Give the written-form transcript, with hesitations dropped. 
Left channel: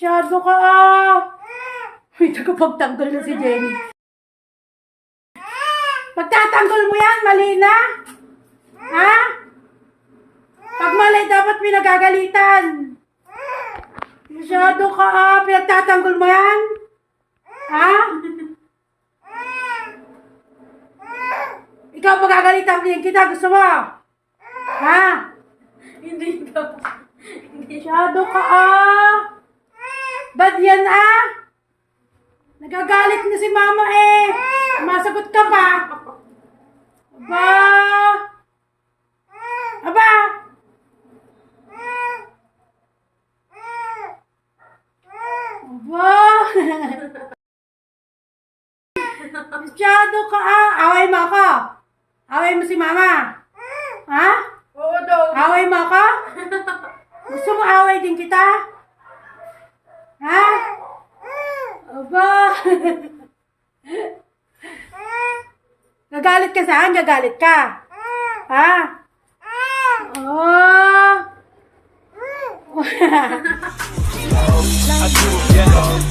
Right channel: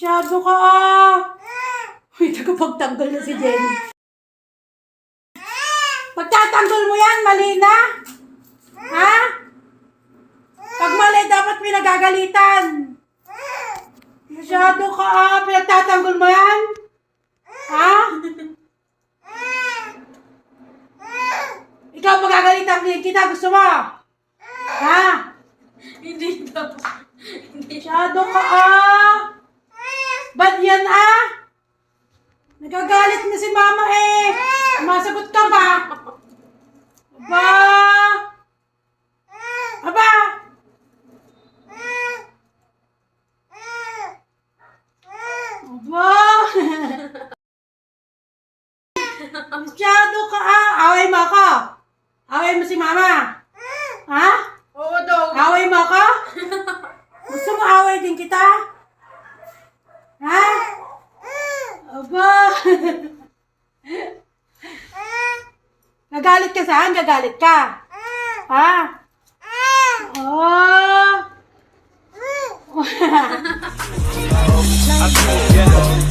Masyado ka ah. Uy, nagpagtanggol na si Jenny. Pagtatanggol mo yan, mali na. Ha? Pag mali, dapat pinagagalitan. Masyado ka ah. Pinagtatanggol mo yan? Ha? Ikaw magagalitan din kita. Gusto mo? Ha? Hindi daw. Masyado ka ah. Ba't yan ah? Nagagalit na si mama eh. Masagot ka pa. Aba. Aba. Aba. Masyado ka ah. Away mo ako. Away mo si mama. Ha? Oo daw. Away mo ako? Gusto mo away din kita? Ha? Aba. Nagalit ka saan? Gagalit ka? Ha? Oh. Yeah.